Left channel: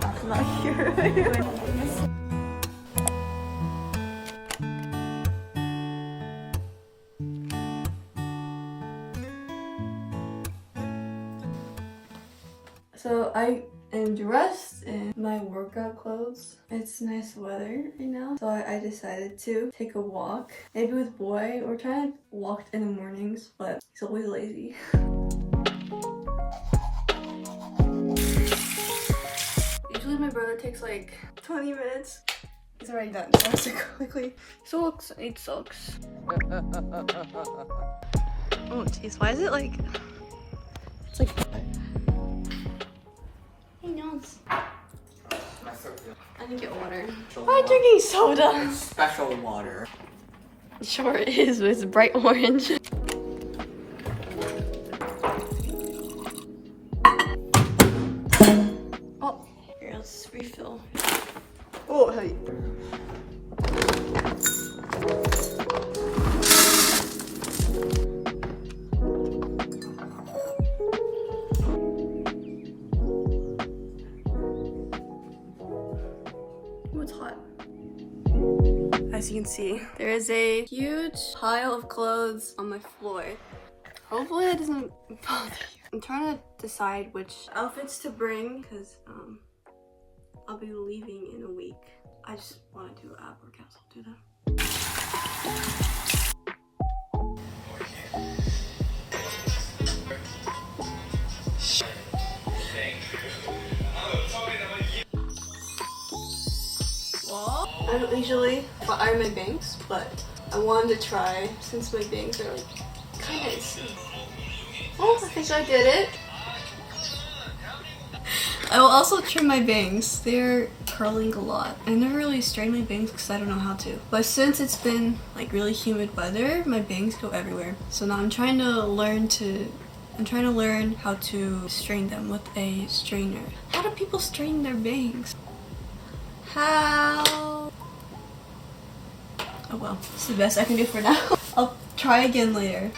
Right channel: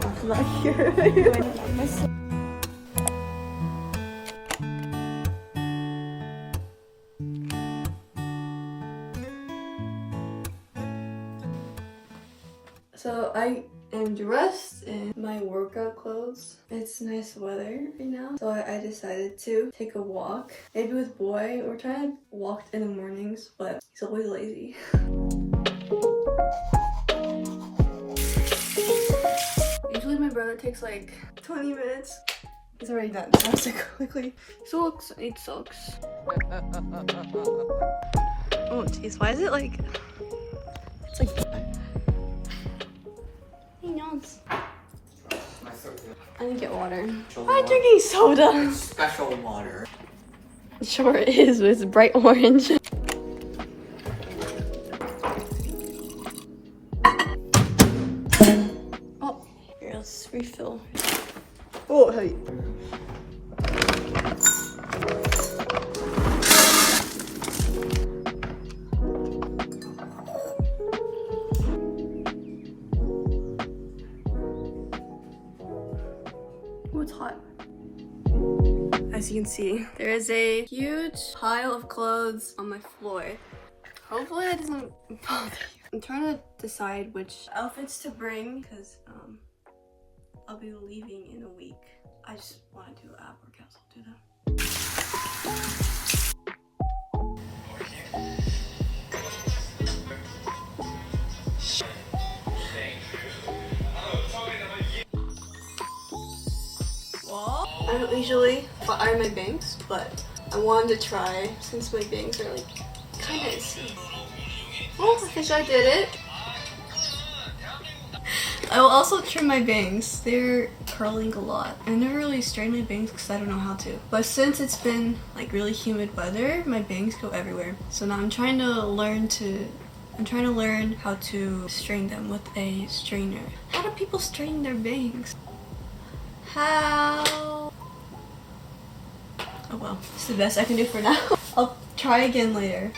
That's not good. So I am dressed in my workout clothes. It's nice weather right now, so I decided to take a walk. Maybe with boy. We're trying to walk in the mornings, but he's always lazy. Usually my brother takes like 20 minutes. He's already done, so I have to go quickly. Socks, I need socks. Oh jeez, why is it like... It's like... He knows. I need to get water. Why am I drinking soda? Special water. It sure is, but it's bright orange. Oh, here, let's refill. Oh, hey. It's hot. As you can see, there is a huge pile of clothes on my floor. Hopefully that doesn't bother you. I'm trying to decide which outfits to bring because I'll be leaving in a week. I just want to do ab workouts. I'll do that. I don't usually iron my bangs, but I wanted to try since my bangs are like kind of icy. Oh, I think I did it. I will also trim my bangs. They're curling a lot. I never really straighten my bangs because I don't know how to. But since it's been like really humid weather, my bangs go everywhere. So now I'm trying to learn how to straighten them with a straightener. How do people straighten their bangs? How? Oh well, it's the best I can do for now. I'll try again later.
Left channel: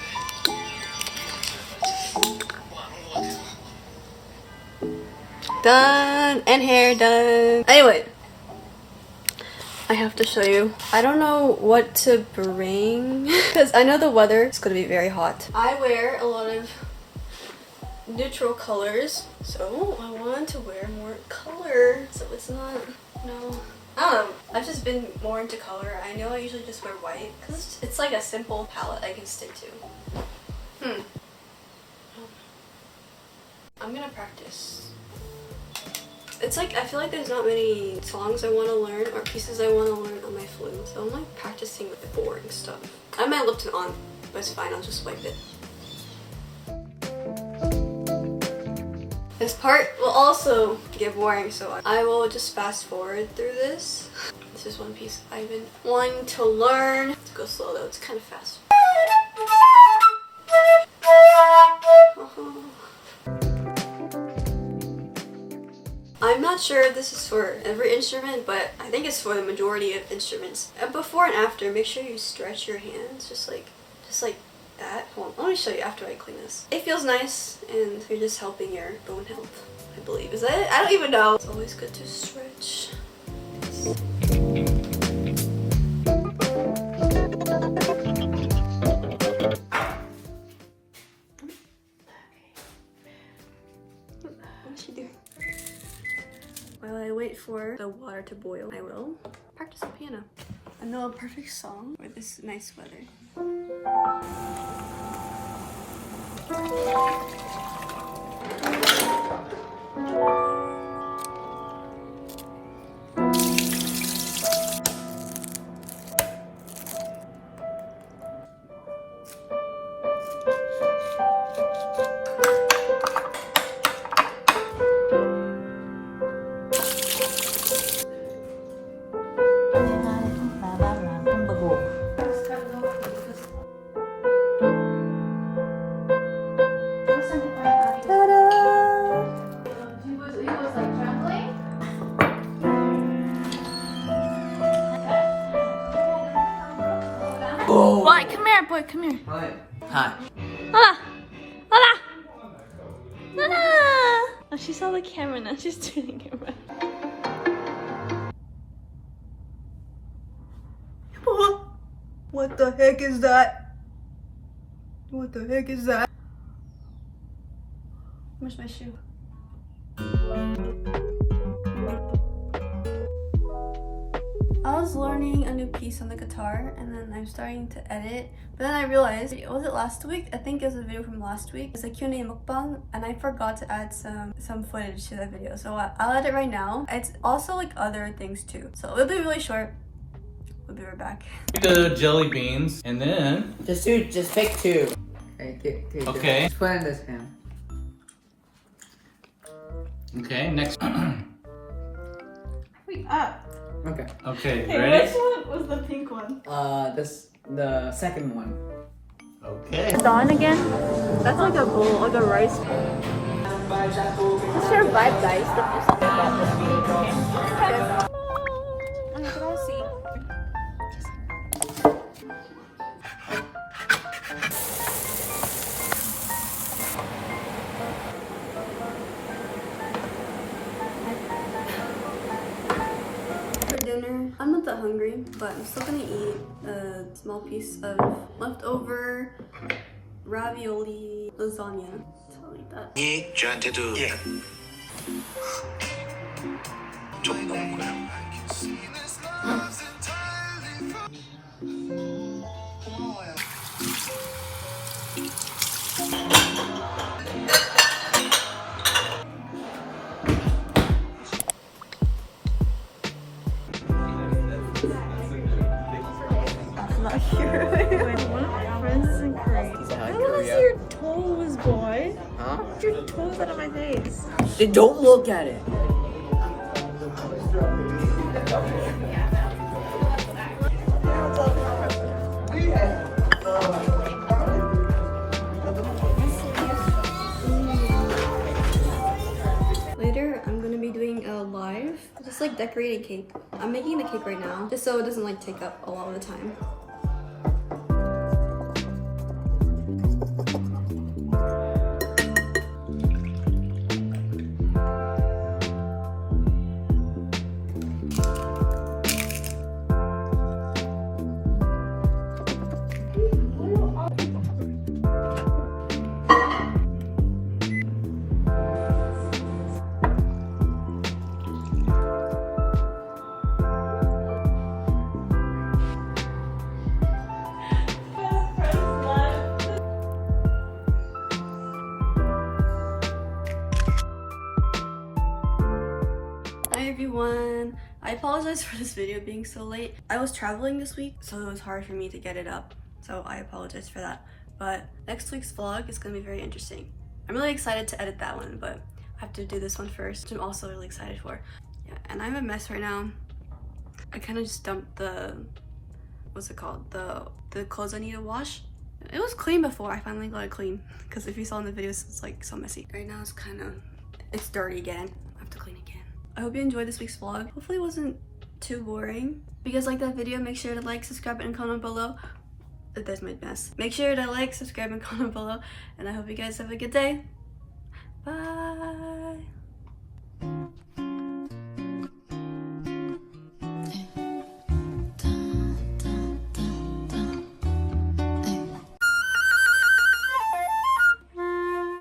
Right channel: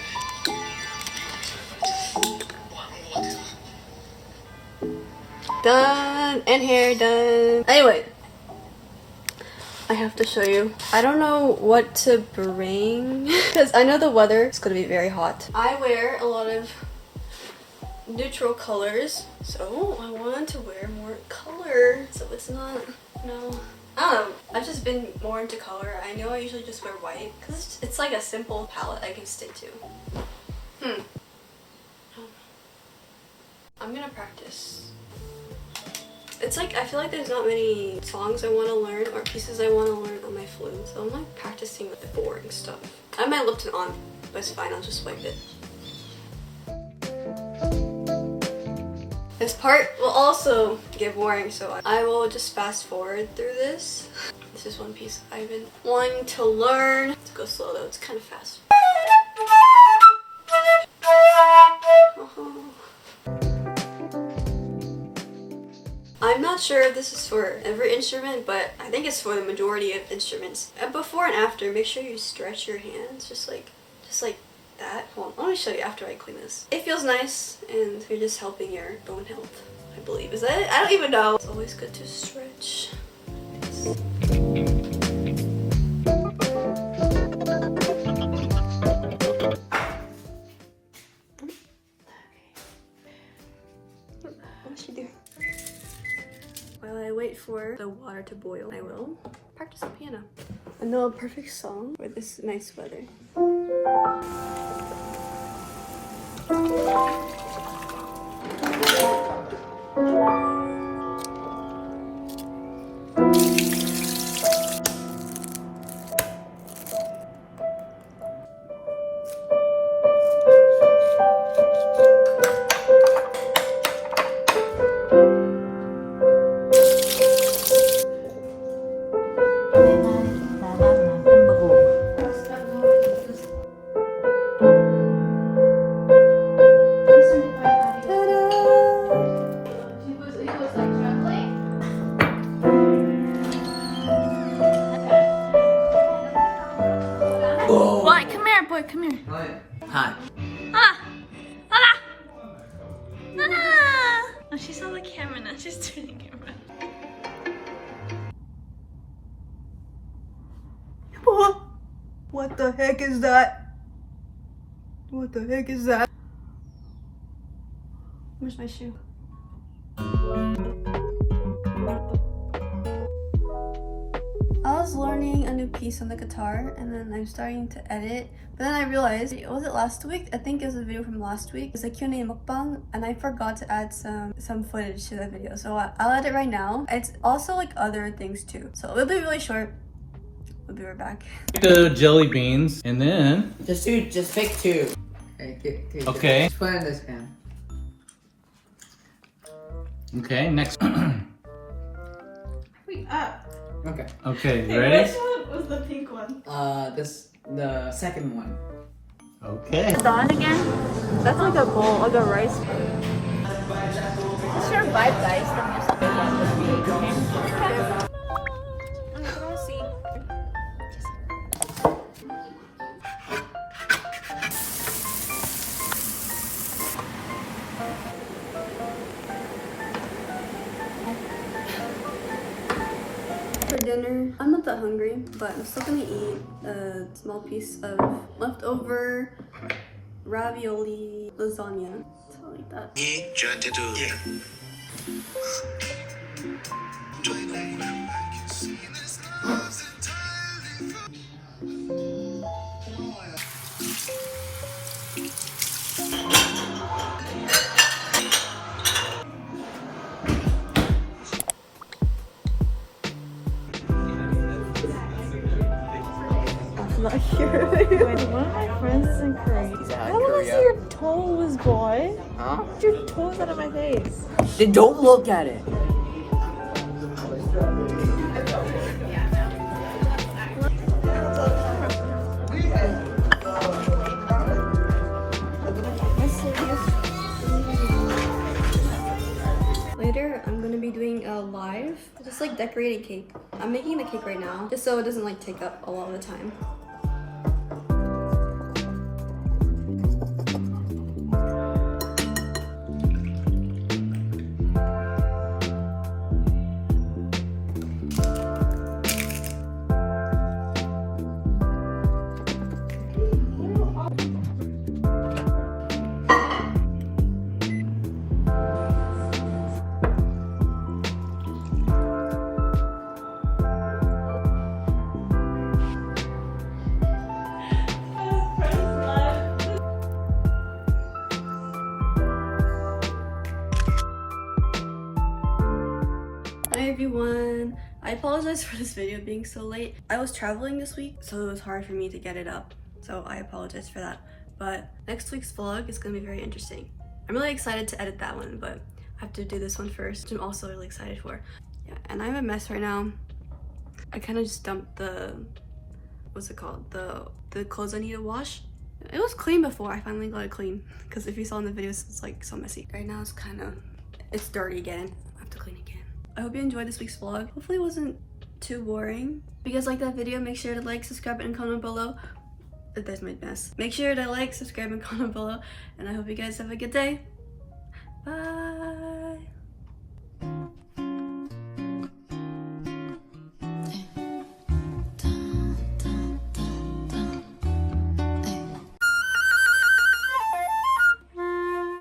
Done, and hair done. Anyway, I have to show you. I don't know what to bring because I know the weather is going to be very hot. I wear a lot of neutral colors, so I want to wear more color so it's not, no. I don't know, I've just been more into color. I know I usually just wear white because it's like a simple palette I can stick to. I'm gonna practice. It's like, I feel like there's not many songs I want to learn or pieces I want to learn on my flute, so I'm like practicing with the boring stuff. I have my lip tint on, but it's fine, I'll just wipe it. This part will also get boring, so I will just fast forward through this. This is one piece I've been wanting to learn. Let's go slow though, it's kind of fast. I'm not sure if this is for every instrument, but I think it's for the majority of instruments. Before and after, make sure you stretch your hands, just like that. Hold on, let me show you after I clean this. It feels nice, and you're just helping your bone health, I believe. Is that it? I don't even know. It's always good to stretch. What's she doing? While I wait for the water to boil, I will practice the piano. I know a perfect song for this nice weather. Boy, come here, boy, come here. Hi. Hola! Hola! Hola! She saw the camera, now she's turning it around. What the heck is that? What the heck is that? Where's my shoe? I was learning a new piece on the guitar and then I'm starting to edit, but then I realized, was it last week? I think it was a video from last week. It's a Q&A mukbang and I forgot to add some footage to that video, so I'll add it right now. It's also like other things too, so it'll be really short. We'll be right back. Jelly beans, and then... Just take two. Okay. Just put it in this can. Okay, next. Wait, up. Okay. Okay, Hey, ready? which one was the pink one? The second one. Okay. Done again? That's like a bowl, like a rice. What's your vibe, guys? I'm not that hungry, but I'm still gonna eat a small piece of leftover ravioli lasagna. So I'll eat that. 저한테도 좀 먹는 거야. Not here. Wait, one of my friends is in Korea. How do I see your toes, boy? Your toes out of my face. Then don't look at it. Later, I'm gonna be doing a live, just like decorating cake. I'm making the cake right now, just so it doesn't like take up a lot of the time. I apologize for this video being so late. I was traveling this week, so it was hard for me to get it up. So I apologize for that. But next week's vlog is gonna be very interesting. I'm really excited to edit that one, but I have to do this one first, which I'm also really excited for. Yeah, and I'm a mess right now. I kind of just dumped the, what's it called? The clothes I need to wash. It was clean before, I finally got it clean. Because if you saw in the videos, it's like so messy. Right now it's dirty again. I have to clean again. I hope you enjoyed this week's vlog. Hopefully it wasn't too boring. If you guys like that video, make sure to like, subscribe, and comment below. That's my mess. Make sure to like, subscribe, and comment below. And I hope you guys have a good day. Bye.